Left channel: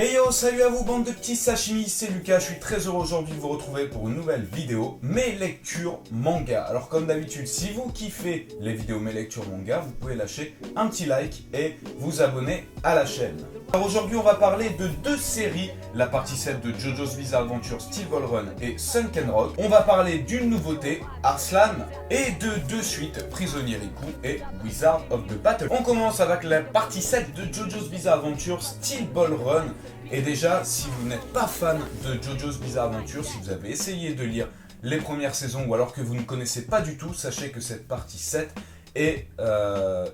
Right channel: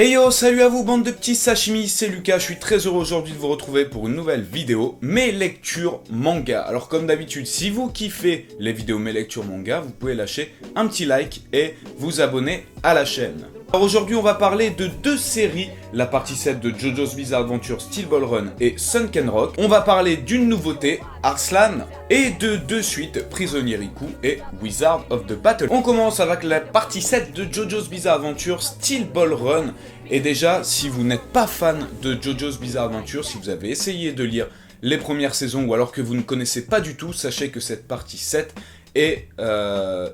Hey yo, salut à vous bande de petits sashimi, c'est Lucas, je suis très heureux aujourd'hui de vous retrouver pour une nouvelle vidéo, mes lectures manga. Alors comme d'habitude, si vous kiffez les vidéos mes lectures manga, vous pouvez lâcher un petit like et vous abonner à la chaîne. Alors aujourd'hui on va parler de deux séries, la partie 7 de JoJo's Bizarre Adventure Steel Ball Run et Sunken Rock. On va parler d'une nouveauté, Arslan, et de deux suites, Prisonnier Riku et Wizard of the Battle. On commence avec la partie 7 de JoJo's Bizarre Adventure Steel Ball Run. Et déjà, si vous n'êtes pas fan de JoJo's Bizarre Adventure, si vous avez essayé de lire les premières saisons ou alors que vous ne connaissez pas du tout, sachez que cette partie 7 est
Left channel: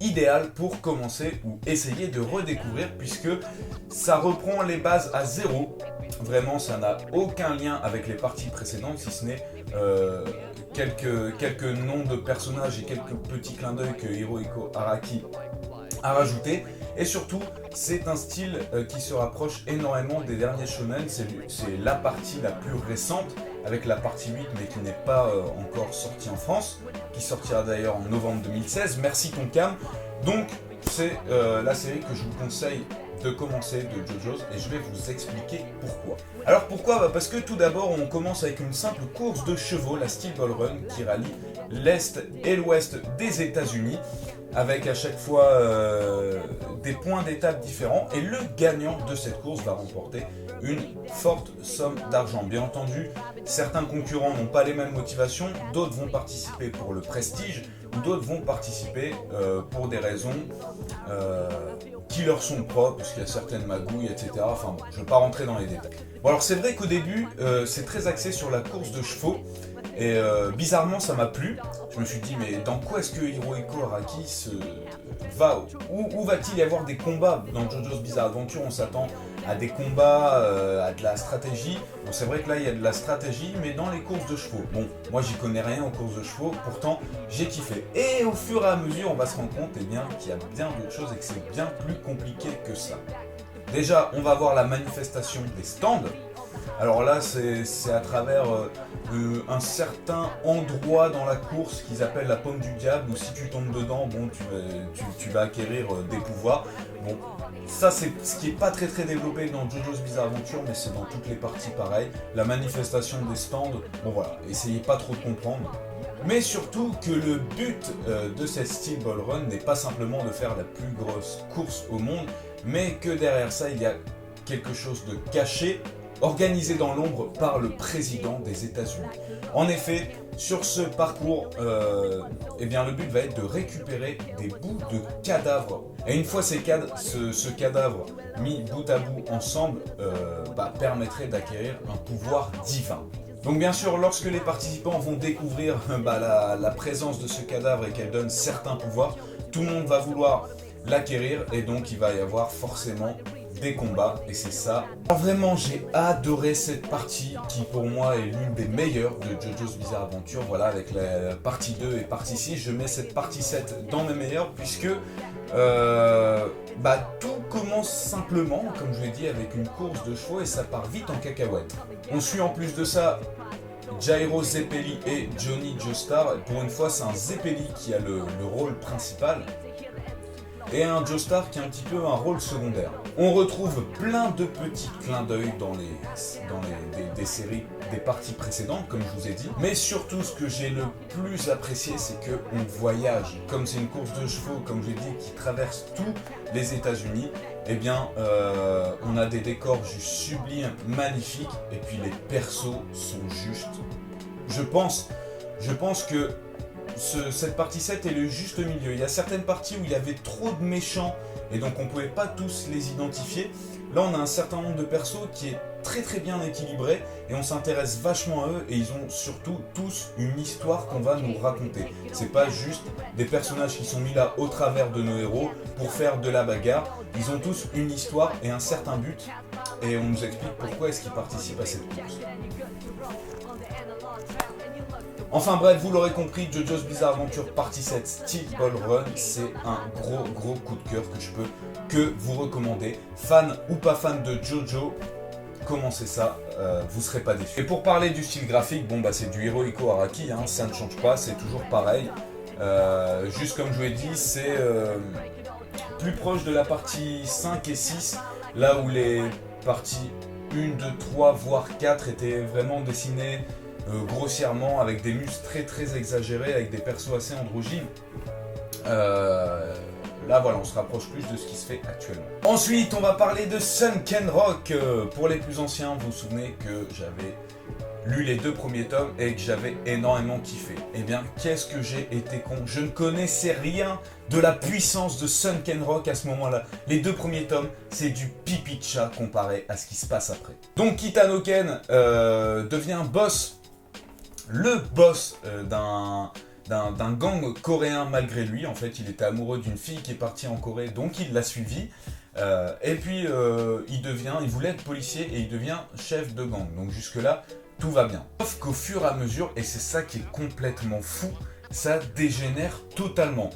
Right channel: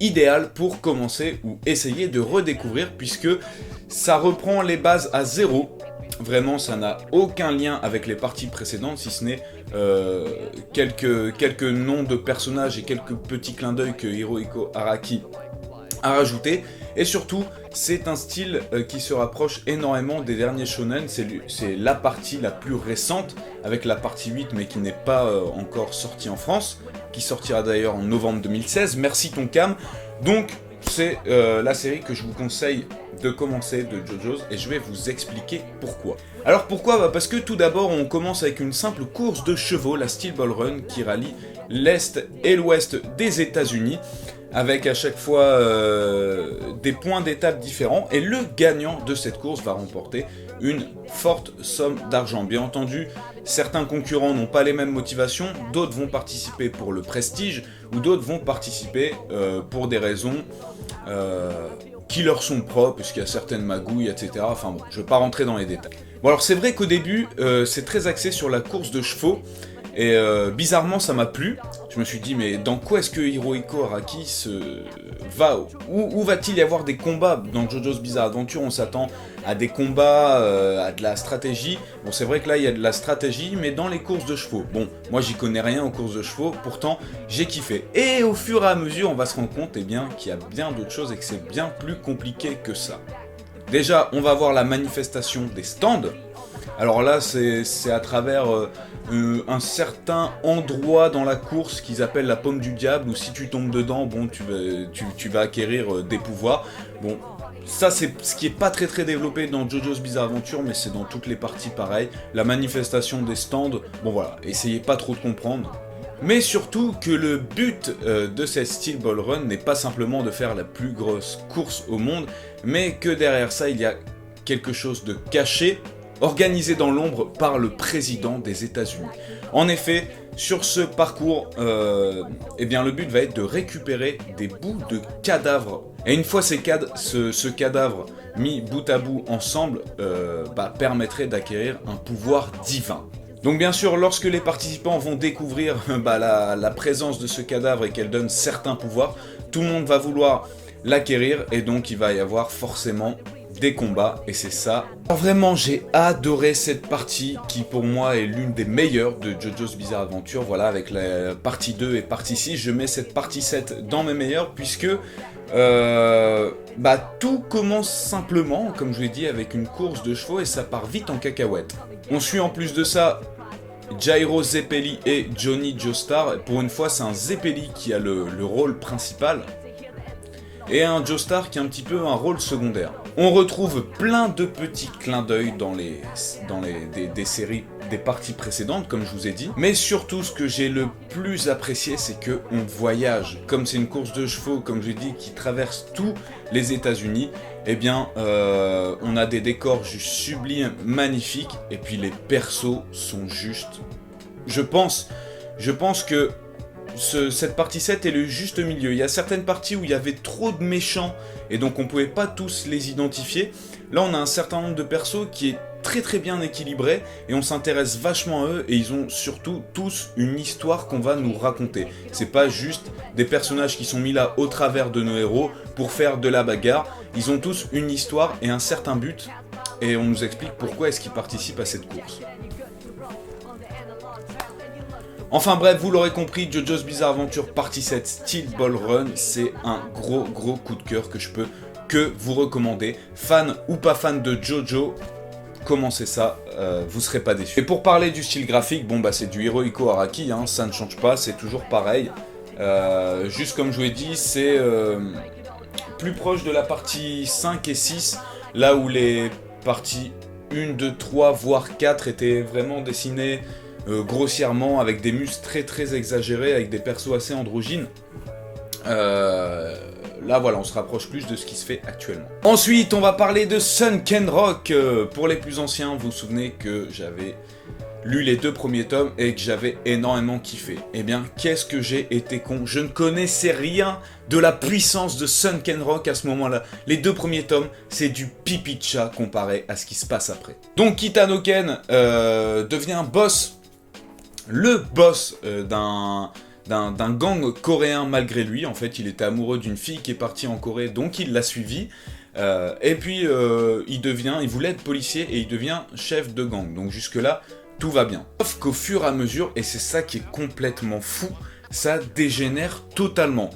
idéale pour commencer ou essayer de redécouvrir puisque ça reprend les bases à zéro. Vraiment, ça n'a aucun lien avec les parties précédentes, si ce n'est quelques noms de personnages et quelques petits clins d'œil que Hirohiko Araki a rajouté. Et surtout, c'est un style qui se rapproche énormément des derniers shonen. C'est la partie la plus récente, avec la partie 8, mais qui n'est pas encore sortie en France, qui sortira d'ailleurs en novembre 2016. Merci Tonkam. Donc, c'est la série que je vous conseille de commencer de JoJo's et je vais vous expliquer pourquoi. Alors pourquoi ? Parce que tout d'abord on commence avec une simple course de chevaux, la Steel Ball Run, qui rallie l'Est et l'Ouest des États-Unis avec à chaque fois des points d'étape différents et le gagnant de cette course va remporter une forte somme d'argent. Bien entendu, certains concurrents n'ont pas les mêmes motivations, d'autres vont participer pour le prestige ou d'autres vont participer pour des raisons qui leur sont propres, puisqu'il y a certaines magouilles, etc. Enfin bon, je ne vais pas rentrer dans les détails. Bon alors c'est vrai qu'au début, c'est très axé sur la course de chevaux, et bizarrement ça m'a plu. Je me suis dit mais dans quoi est-ce que Hirohiko Araki va, où va-t-il y avoir des combats? Dans JoJo's Bizarre Adventure on s'attend à des combats, à de la stratégie. Bon c'est vrai que là il y a de la stratégie, mais dans les courses de chevaux. Bon, moi j'y connais rien aux courses de chevaux, pourtant j'ai kiffé. Et au fur et à mesure on va se rendre compte qu'il y a bien d'autres choses et que c'est bien plus compliqué que ça. Déjà on va voir la manifestation des stands. Alors là, c'est à travers un certain endroit dans la course qu'ils appellent la paume du diable, où si tu tombes dedans, bon, tu vas acquérir des pouvoirs. Bon, ça c'est ce qui est pas très développé dans JoJo's Bizarre Adventure, mais c'est dans toutes les parties pareil. La manifestation des stands, bon voilà, essayez pas trop de comprendre. Mais surtout que le but de cette Steel Ball Run n'est pas simplement de faire la plus grosse course au monde, mais que derrière ça, il y a quelque chose de caché, organisé dans l'ombre par le président des États-Unis. En effet, sur ce parcours, eh bien, le but va être de récupérer des bouts de cadavres. Et une fois ce cadavre mis bout à bout ensemble, permettrait d'acquérir un pouvoir divin. Donc bien sûr, lorsque les participants vont découvrir la présence de ce cadavre et qu'elle donne certains pouvoirs, tout le monde va vouloir l'acquérir et donc il va y avoir forcément des combats et c'est ça. Alors vraiment j'ai adoré cette partie qui pour moi est l'une des meilleures de JoJo's Bizarre Adventure. Voilà, avec la partie 2 et partie 6, je mets cette partie 7 dans mes meilleures puisque tout commence simplement, comme je l'ai dit, avec une course de chevaux et ça part vite en cacahuète. On suit en plus de ça Jairo Zeppeli et Johnny Joestar. Pour une fois c'est un Zeppeli qui a le rôle principal et un Joestar qui a un petit peu un rôle secondaire. On retrouve plein de petits clins d'œil dans des séries, des parties précédentes, comme je vous ai dit. Mais surtout, ce que j'ai le plus apprécié, c'est qu'on voyage. Comme c'est une course de chevaux, comme je l'ai dit, qui traverse tous les États-Unis, eh bien, on a des décors juste sublimes, magnifiques, et puis les persos sont juste... Je pense que cette partie 7 est le juste milieu. Il y a certaines parties où il y avait trop de méchants et donc on pouvait pas tous les identifier. Là on a un certain nombre de persos qui est très bien équilibré et on s'intéresse vachement à eux et ils ont surtout tous une histoire qu'on va nous raconter. C'est pas juste des personnages qui sont mis là au travers de nos héros pour faire de la bagarre. Ils ont tous une histoire et un certain but et on nous explique pourquoi est-ce qu'ils participent à cette course. Enfin bref, vous l'aurez compris, JoJo's Bizarre Adventure partie 7 Steel Ball Run, c'est un gros coup de cœur que je peux que vous recommander. Fan ou pas fan de JoJo, commencez ça, vous serez pas déçus. Et pour parler du style graphique, bon c'est du Hirohiko Araki, ça ne change pas, c'est toujours pareil. Juste comme je vous l'ai dit, c'est plus proche de la partie 5 et 6, là où les partie 1, 2, 3, voire 4 étaient vraiment dessinées grossièrement, avec des muscles très très exagérés, avec des persos assez androgynes. Là voilà, on se rapproche plus de ce qui se fait actuellement. Ensuite, on va parler de Sunken Rock. Pour les plus anciens, vous vous souvenez que j'avais lu les 2 premiers tomes et que j'avais énormément kiffé. Eh bien, qu'est-ce que j'ai été con. Je ne connaissais rien de la puissance de Sunken Rock à ce moment-là. Les 2 premiers tomes, c'est du pipi de chat comparé à ce qui se passe après. Donc Kitano Ken devient le boss d'un gang coréen malgré lui. En fait, il était amoureux d'une fille qui est partie en Corée, donc il l'a suivi. Et puis, il voulait être policier et il devient chef de gang. Donc jusque-là, tout va bien. Sauf qu'au fur et à mesure, et c'est ça qui est complètement fou, ça dégénère totalement.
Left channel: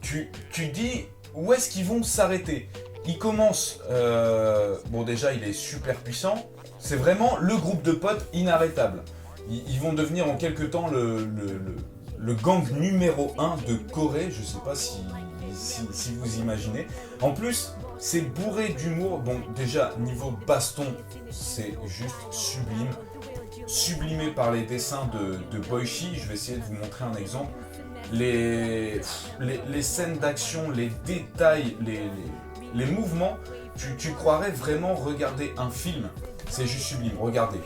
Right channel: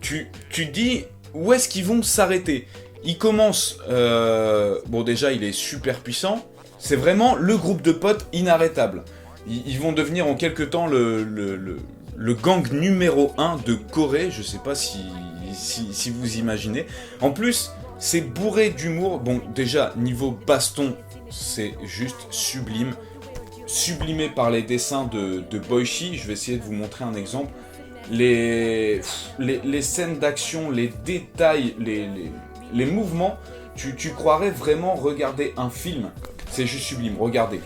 Tu te dis, où est-ce qu'ils vont s'arrêter? Il commence... bon, déjà, il est super puissant. C'est vraiment le groupe de potes inarrêtable. Ils vont devenir en quelque temps le gang numéro 1 de Corée. Je sais pas si vous imaginez. En plus, c'est bourré d'humour. Bon, déjà, niveau baston, c'est juste sublime. Sublimé par les dessins de Boichi. Je vais essayer de vous montrer un exemple. Les scènes d'action, les détails, les mouvements, tu croirais vraiment regarder un film. C'est juste sublime, regardez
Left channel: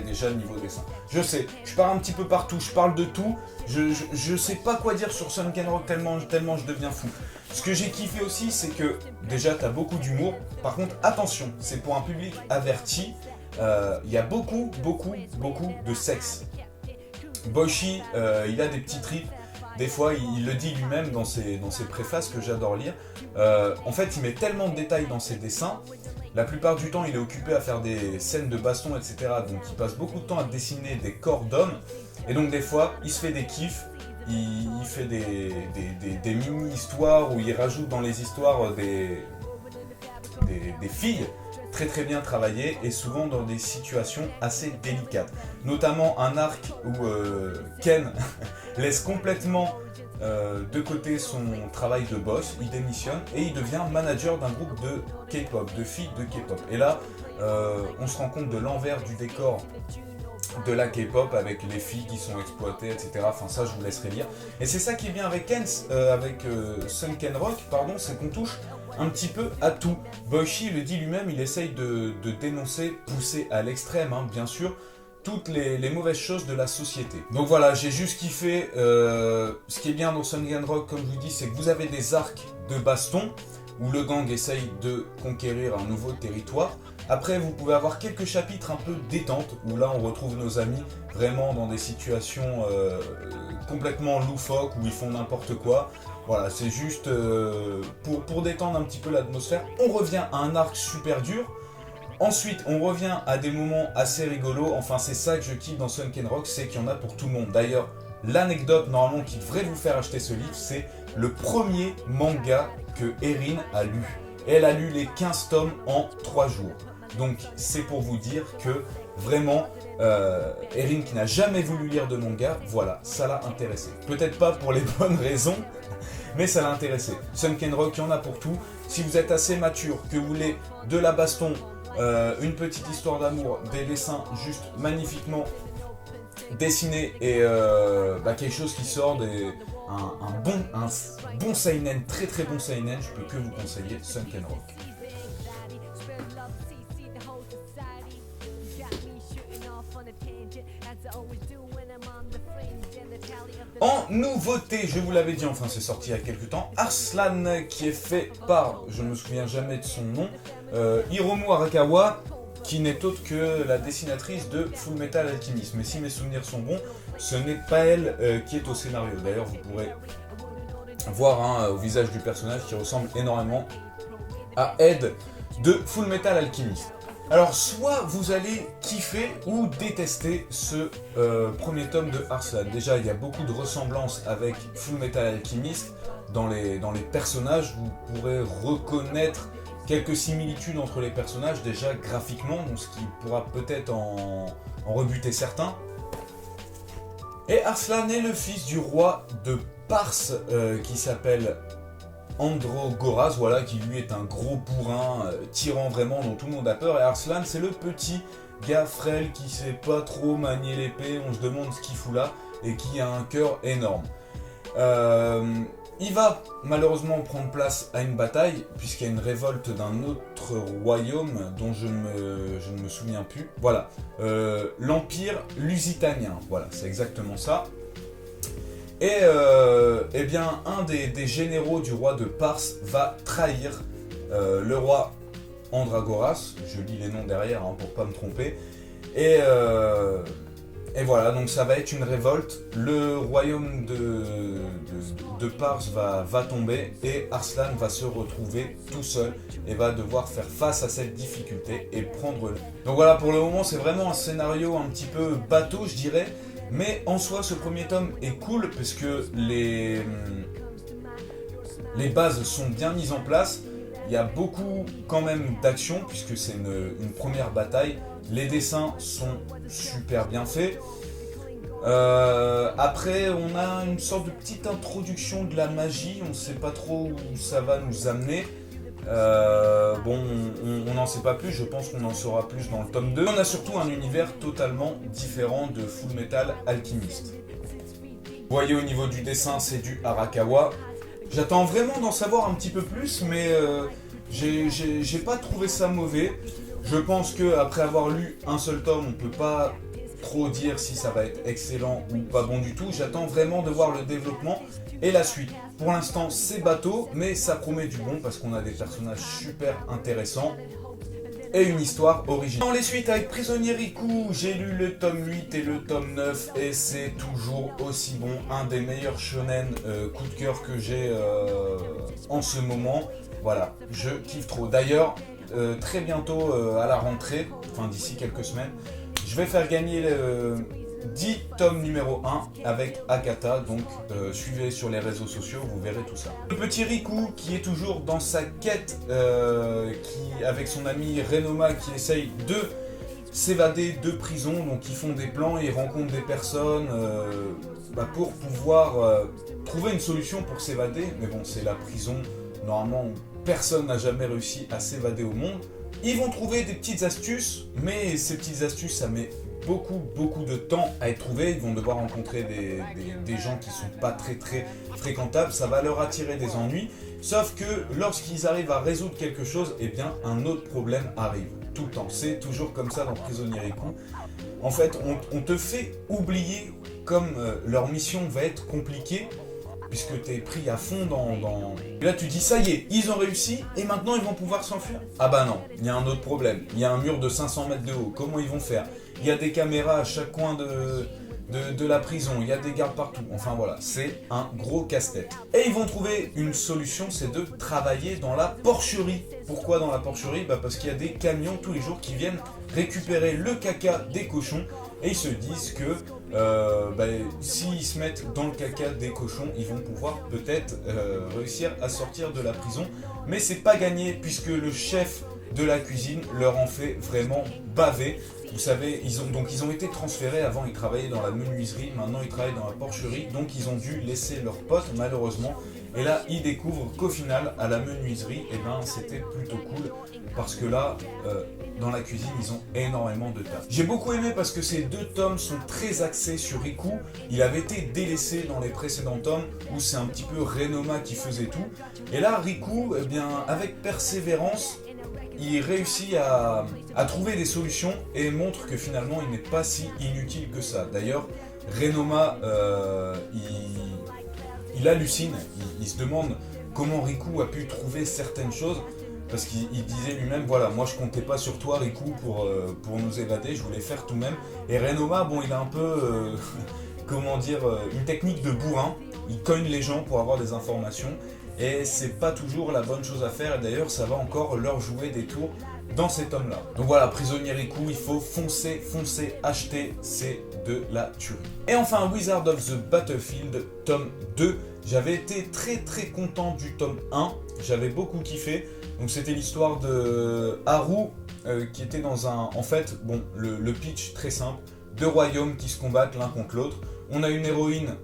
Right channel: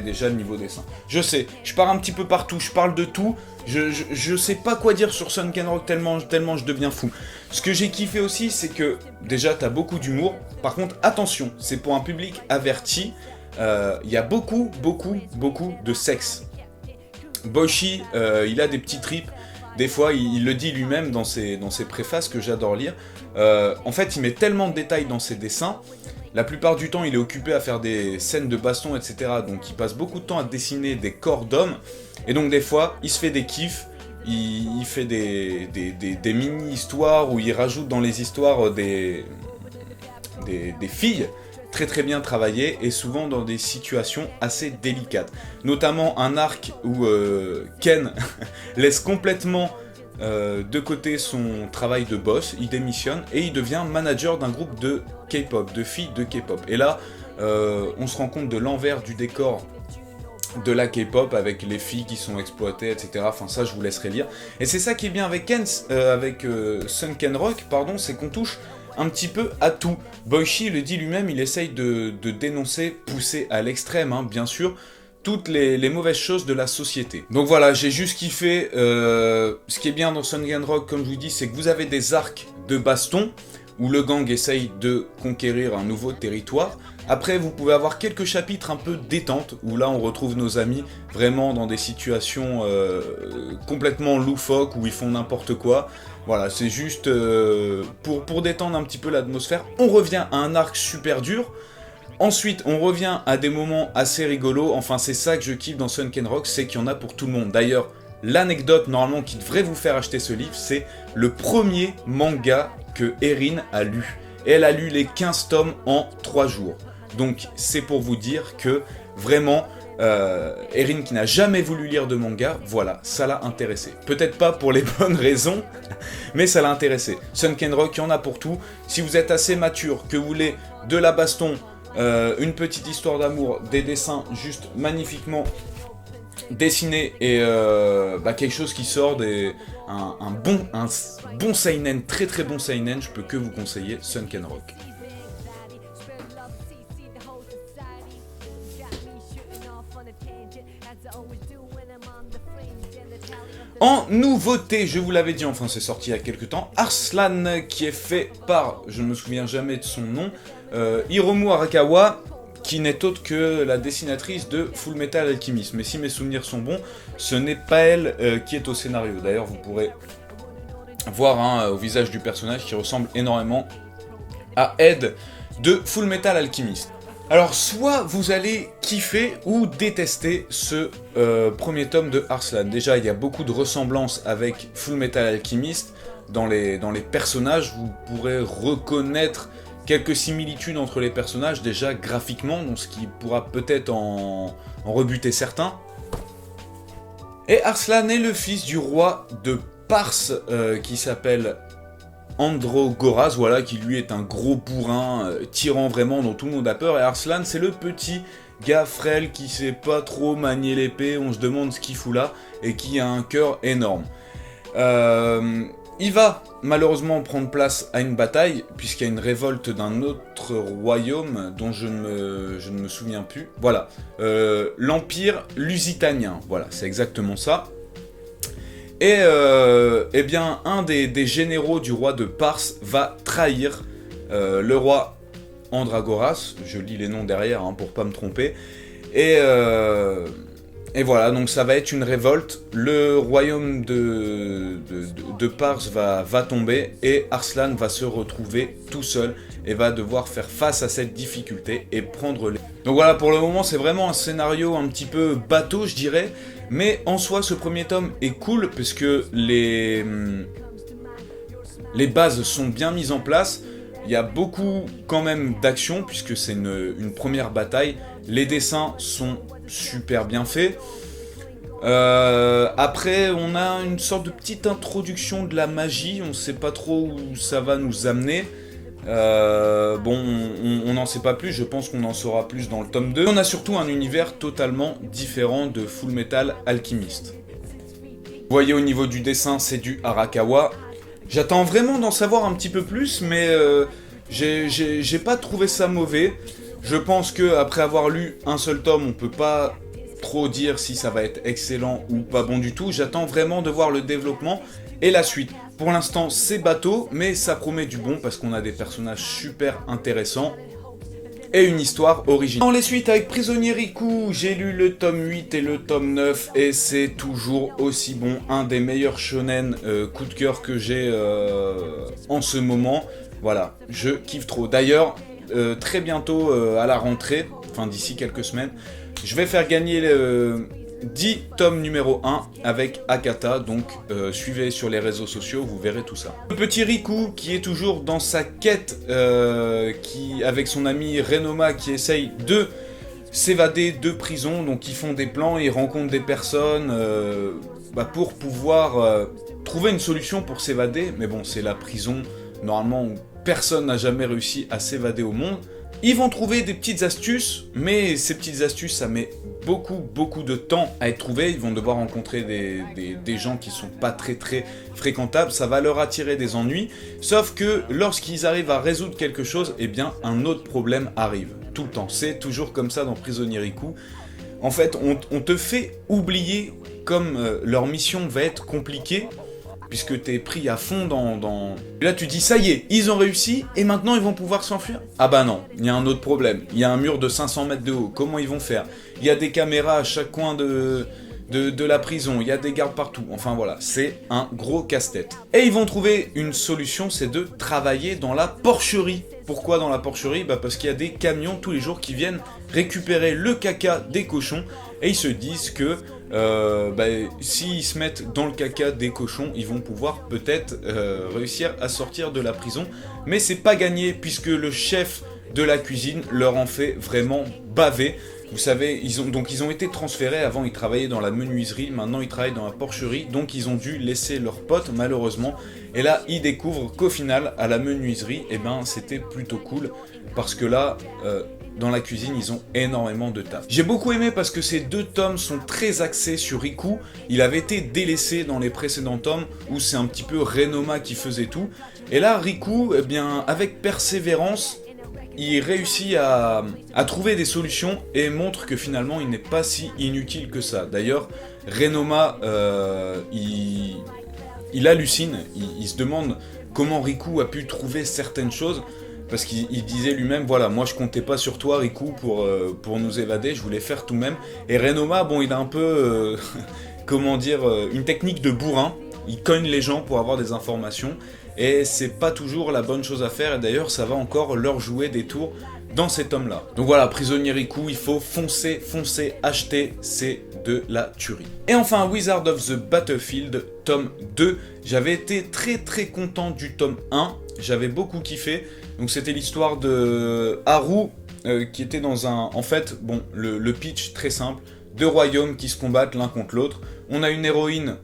déjà le niveau dessin. Je sais, je pars un petit peu partout, je parle de tout, je sais pas quoi dire sur Sunken Rock tellement je deviens fou. Ce que j'ai kiffé aussi, c'est que déjà t'as beaucoup d'humour, par contre attention, c'est pour un public averti, il y a beaucoup de sexe. Boichi, il a des petits trips. Des fois, il le dit lui-même dans ses préfaces que j'adore lire. En fait, il met tellement de détails dans ses dessins. La plupart du temps, il est occupé à faire des scènes de baston, etc. Donc, il passe beaucoup de temps à dessiner des corps d'hommes. Et donc, des fois, il se fait des kiffs. Il fait des mini-histoires où il rajoute dans les histoires des filles très bien travaillées et souvent dans des situations assez délicates. Notamment un arc où Ken laisse complètement de côté son travail de boss, il démissionne et il devient manager d'un groupe de K-pop, de filles de K-pop. Et là, on se rend compte de l'envers du décor de la K-pop avec les filles qui sont exploitées, etc. Enfin ça, je vous laisserai lire. Et c'est ça qui est bien avec Sunken Rock, pardon, c'est qu'on touche un petit peu à tout. Boichi le dit lui-même, il essaye de dénoncer, pousser à l'extrême, hein, bien sûr, toutes les mauvaises choses de la société. Donc voilà, j'ai juste kiffé. Ce qui est bien dans Sunken Rock, comme je vous dis, c'est que vous avez des arcs de baston où le gang essaye de conquérir un nouveau territoire. Après, vous pouvez avoir quelques chapitres un peu détente, où là on retrouve nos amis vraiment dans des situations complètement loufoques, où ils font n'importe quoi. Voilà, c'est juste pour détendre un petit peu l'atmosphère. On revient à un arc super dur. Ensuite, on revient à des moments assez rigolos. Enfin, c'est ça que je kiffe dans Sunken Rock, c'est qu'il y en a pour tout le monde. D'ailleurs, l'anecdote normalement qui devrait vous faire acheter ce livre, c'est le premier manga que Erin a lu. Et elle a lu les 15 tomes en 3 jours. Donc, c'est pour vous dire que vraiment, Erin qui n'a jamais voulu lire de manga, voilà, ça l'a intéressé. Peut-être pas pour les bonnes raisons, mais ça l'a intéressé. Sunken Rock, il y en a pour tout. Si vous êtes assez mature, que vous voulez de la baston, une petite histoire d'amour, des dessins juste magnifiquement dessinés et quelque chose qui sort un bon seinen, très bon seinen, je peux que vous conseiller Sunken Rock. En nouveauté, je vous l'avais dit, enfin c'est sorti il y a quelques temps, Arslan qui est fait par, je ne me souviens jamais de son nom, Hiromu Arakawa, qui n'est autre que la dessinatrice de Fullmetal Alchemist. Mais si mes souvenirs sont bons, ce n'est pas elle qui est au scénario. D'ailleurs, vous pourrez voir au visage du personnage qui ressemble énormément à Ed de Fullmetal Alchemist. Alors, soit vous allez kiffer ou détester ce premier tome de Arslan. Déjà, il y a beaucoup de ressemblances avec Fullmetal Alchemist. Dans les personnages, vous pourrez reconnaître quelques similitudes entre les personnages, déjà graphiquement, donc ce qui pourra peut-être en rebuter certains. Et Arslan est le fils du roi de Pars, qui s'appelle Androgoras, voilà, qui lui est un gros bourrin, tirant vraiment dont tout le monde a peur, et Arslan c'est le petit gars frêle qui sait pas trop manier l'épée, on se demande ce qu'il fout là, et qui a un cœur énorme. Il va malheureusement prendre place à une bataille, puisqu'il y a une révolte d'un autre royaume dont je ne me souviens plus. Voilà, l'Empire Lusitanien, voilà, c'est exactement ça. Et eh bien, un des généraux du roi de Pars va trahir le roi Andragoras, je lis les noms derrière hein, pour pas me tromper, et voilà, donc ça va être une révolte, le royaume de Pars va tomber, et Arslan va se retrouver tout seul, et va devoir faire face à cette difficulté, et prendre les... Donc voilà, pour le moment, c'est vraiment un scénario un petit peu bateau, je dirais, mais en soi, ce premier tome est cool, puisque les bases sont bien mises en place. Il y a beaucoup quand même d'action, puisque c'est une première bataille. Les dessins sont super bien faits. Après, on a une sorte de petite introduction de la magie. On ne sait pas trop où ça va nous amener. Bon, on n'en sait pas plus. Je pense qu'on en saura plus dans le tome 2. On a surtout un univers totalement différent de Full Metal Alchemist. Vous voyez, au niveau du dessin, c'est du Arakawa. J'attends vraiment d'en savoir un petit peu plus, mais j'ai pas trouvé ça mauvais. Je pense qu'après avoir lu un seul tome, on peut pas trop dire si ça va être excellent ou pas bon du tout. J'attends vraiment de voir le développement et la suite. Pour l'instant, c'est bateau, mais ça promet du bon parce qu'on a des personnages super intéressants et une histoire originale. Dans les suites avec Prisonnier Riku, j'ai lu le tome 8 et le tome 9 et c'est toujours aussi bon, un des meilleurs shonen coup de cœur que j'ai en ce moment. Voilà, je kiffe trop. D'ailleurs, très bientôt à la rentrée, enfin d'ici quelques semaines, je vais faire gagner 10 tomes numéro 1 avec Akata, donc suivez sur les réseaux sociaux, vous verrez tout ça. Le petit Riku qui est toujours dans sa quête, avec son ami Renoma qui essaye de s'évader de prison, donc ils font des plans, ils rencontrent des personnes pour pouvoir trouver une solution pour s'évader, mais bon c'est la prison normalement où personne n'a jamais réussi à s'évader au monde. Ils vont trouver des petites astuces, mais ces petites astuces ça met beaucoup de temps à être trouvé. Ils vont devoir rencontrer des gens qui sont pas très fréquentables, ça va leur attirer des ennuis, sauf que lorsqu'ils arrivent à résoudre quelque chose, eh bien un autre problème arrive, tout le temps, c'est toujours comme ça dans Prisonnier Riku. En fait, on te fait oublier comme leur mission va être compliquée, puisque t'es pris à fond dans... Et là tu dis ça y est, ils ont réussi et maintenant ils vont pouvoir s'enfuir. Ah bah non, il y a un autre problème, il y a un mur de 500 mètres de haut, comment ils vont faire? Il y a des caméras à chaque coin de la prison, il y a des gardes partout, enfin voilà, c'est un gros casse-tête. Et ils vont trouver une solution, c'est de travailler dans la porcherie. Pourquoi dans la porcherie? Bah parce qu'il y a des camions tous les jours qui viennent récupérer le caca des cochons et ils se disent que s'ils se mettent dans le caca des cochons, ils vont pouvoir peut-être réussir à sortir de la prison. Mais c'est pas gagné puisque le chef de la cuisine leur en fait vraiment baver. Vous savez, ils ont été transférés, avant ils travaillaient dans la menuiserie, maintenant ils travaillent dans la porcherie, donc ils ont dû laisser leurs potes malheureusement. Et là, ils découvrent qu'au final, à la menuiserie, eh ben, c'était plutôt cool, parce que là, dans la cuisine, ils ont énormément de taf. J'ai beaucoup aimé parce que ces deux tomes sont très axés sur Riku. Il avait été délaissé dans les précédents tomes, où c'est un petit peu Renoma qui faisait tout. Et là, Riku, eh bien, avec persévérance, il réussit à trouver des solutions et montre que finalement il n'est pas si inutile que ça. D'ailleurs, Renoma, il hallucine, il se demande comment Riku a pu trouver certaines choses, parce qu'il disait lui-même, voilà, moi je comptais pas sur toi Riku pour nous évader, je voulais faire tout de même. Et Renoma, bon, il a un peu, comment dire, une technique de bourrin, il cogne les gens pour avoir des informations, et c'est pas toujours la bonne chose à faire, et d'ailleurs ça va encore leur jouer des tours dans ces tomes-là. Donc voilà, Prisonnier Riku, il faut foncer, acheter, c'est de la tuerie. Et enfin, Wizard of the Battlefield, tome 2. J'avais été très content du tome 1, j'avais beaucoup kiffé. Donc c'était l'histoire de Haru, qui était dans un... En fait, bon, le pitch très simple, deux royaumes qui se combattent l'un contre l'autre. On a une héroïne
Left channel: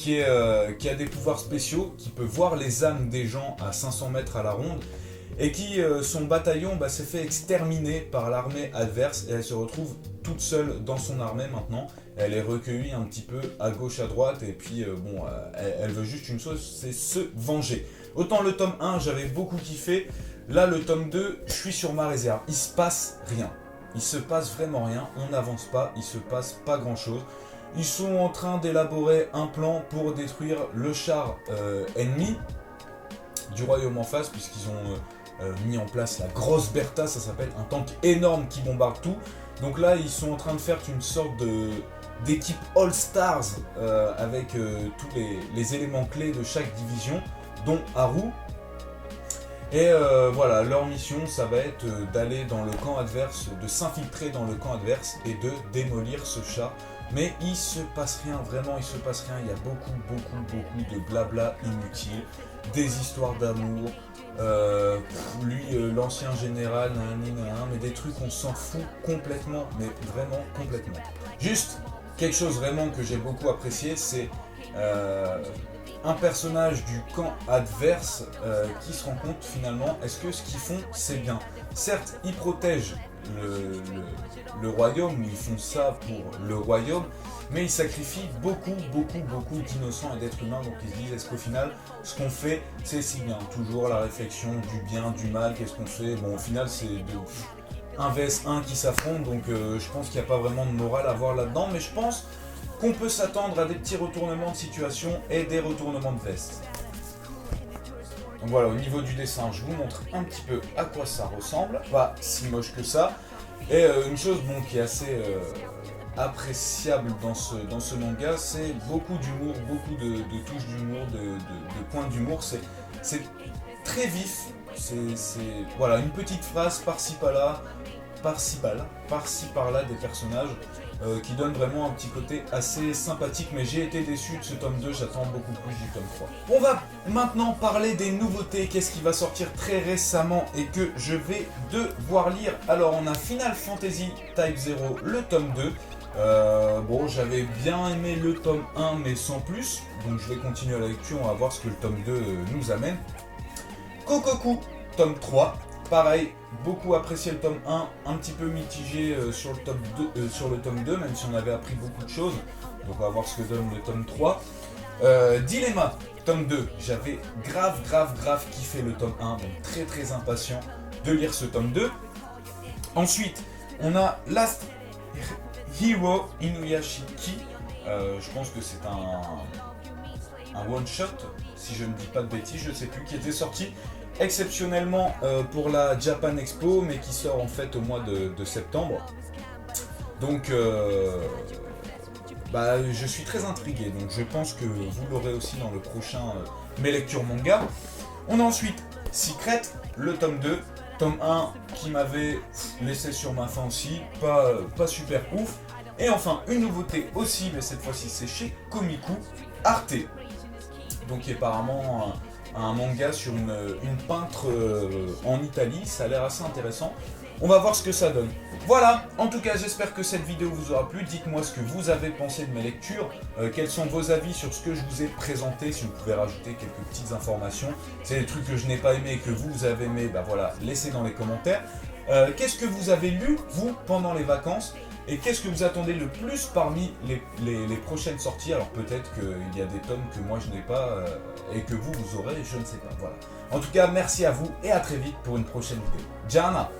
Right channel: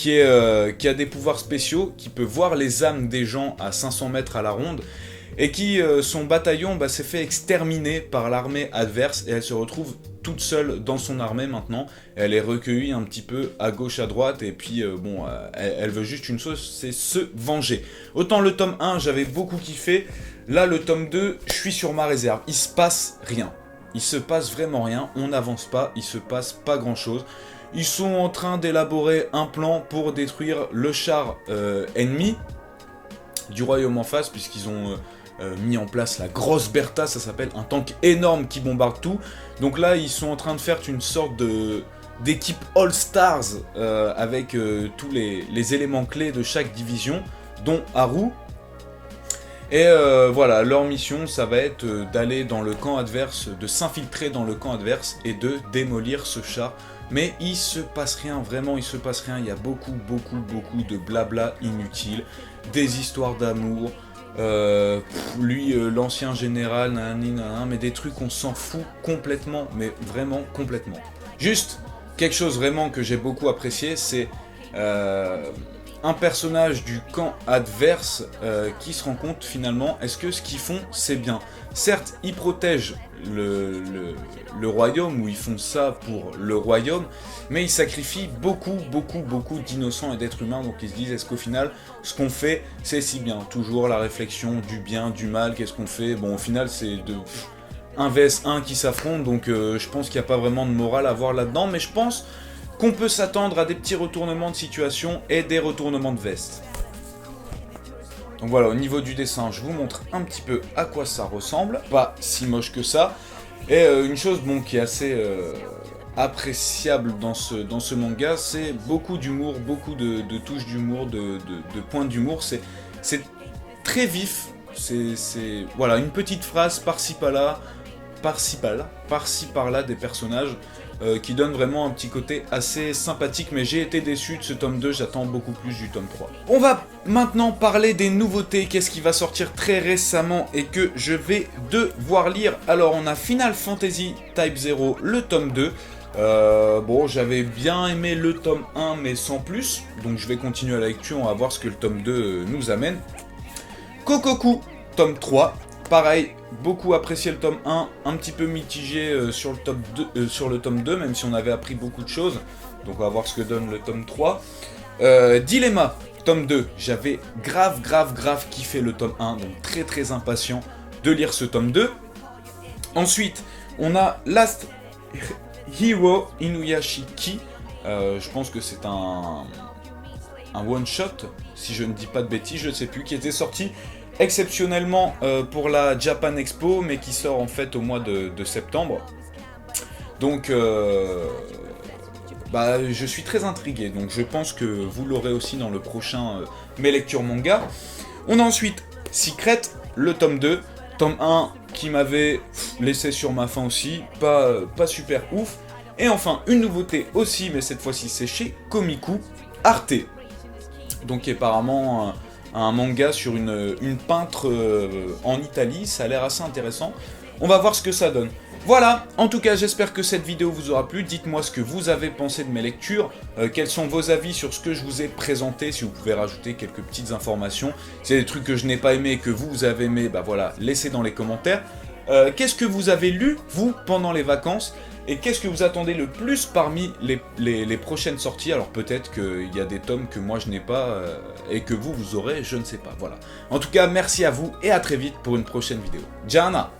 qui a des pouvoirs spéciaux, qui peut voir les âmes des gens à 500 mètres à la ronde, et qui, son bataillon s'est fait exterminer par l'armée adverse, et elle se retrouve toute seule dans son armée maintenant. Elle est recueillie un petit peu à gauche, à droite, et puis elle veut juste une chose, c'est se venger. Autant le tome 1, j'avais beaucoup kiffé, là le tome 2, je suis sur ma réserve, il se passe rien. Il se passe vraiment rien, on n'avance pas, il se passe pas grand chose. Ils sont en train d'élaborer un plan pour détruire le char ennemi du royaume en face, puisqu'ils ont mis en place la grosse Bertha, ça s'appelle un tank énorme qui bombarde tout. Donc là, ils sont en train de faire une sorte d'équipe All-Stars avec tous les éléments clés de chaque division, dont Haru. Et voilà, leur mission, ça va être d'aller dans le camp adverse, de s'infiltrer dans le camp adverse et de démolir ce char. Mais il se passe rien, vraiment il se passe rien, il y a beaucoup de blabla inutile, des histoires d'amour, lui l'ancien général, mais des trucs on s'en fout complètement, mais vraiment complètement. Juste, quelque chose vraiment que j'ai beaucoup apprécié, c'est un personnage du camp adverse qui se rend compte finalement, est-ce que ce qu'ils font c'est bien? Certes, ils protègent le royaume, ou ils font ça pour le royaume, mais ils sacrifient beaucoup d'innocents et d'êtres humains, donc ils se disent, est-ce qu'au final, ce qu'on fait, c'est si bien? Toujours la réflexion du bien, du mal, qu'est-ce qu'on fait? Bon, au final, c'est de 1 vs 1 qui s'affrontent, donc je pense qu'il n'y a pas vraiment de morale à voir là-dedans, mais je pense qu'on peut s'attendre à des petits retournements de situation et des retournements de veste. Donc voilà, au niveau du dessin, je vous montre un petit peu à quoi ça ressemble. Pas si moche que ça. Et une chose qui est assez appréciable dans ce manga, c'est beaucoup d'humour, beaucoup de touches d'humour, de points d'humour. C'est très vif. C'est voilà, une petite phrase par-ci par-là, par-ci par-là des personnages qui donnent vraiment un petit côté assez sympathique, mais j'ai été déçu de ce tome 2, j'attends beaucoup plus du tome 3. On va maintenant parler des nouveautés, qu'est-ce qui va sortir très récemment et que je vais devoir lire. Alors on a Final Fantasy Type 0, le tome 2. Bon, j'avais bien aimé le tome 1 mais sans plus, donc je vais continuer la lecture, on va voir ce que le tome 2 nous amène. Kokoku, tome 3, pareil, beaucoup apprécié le tome 1, un petit peu mitigé sur le tome 2, même si on avait appris beaucoup de choses, donc on va voir ce que donne le tome 3. Dilemma, tome 2, j'avais grave kiffé le tome 1, donc très impatient de lire ce tome 2. Ensuite, on a Last Hero Inuyashiki, je pense que c'est un one-shot, si je ne dis pas de bêtises, je ne sais plus, qui était sorti exceptionnellement pour la Japan Expo, mais qui sort en fait au mois de septembre. Donc je suis très intrigué, donc je pense que vous l'aurez aussi dans le prochain Mes Lectures Manga. On a ensuite Secret, le tome 2, tome 1 qui m'avait laissé sur ma faim aussi, pas super ouf. Et enfin une nouveauté aussi, mais cette fois-ci c'est chez Komiku, Arte, donc qui est apparemment un manga sur une peintre en Italie, ça a l'air assez intéressant. On va voir ce que ça donne. Voilà, en tout cas j'espère que cette vidéo vous aura plu, dites-moi ce que vous avez pensé de mes lectures, quels sont vos avis sur ce que je vous ai présenté, si vous pouvez rajouter quelques petites informations, c'est des trucs que je n'ai pas aimé et que vous avez aimé, voilà, laissez dans les commentaires. Qu'est-ce que vous avez lu, vous, pendant les vacances, et qu'est-ce que vous attendez le plus parmi les prochaines sorties? Alors peut-être qu'il y a des tomes que moi je n'ai pas, et que vous aurez, je ne sais pas, voilà. En tout cas, merci à vous, et à très vite pour une prochaine vidéo. Gianna!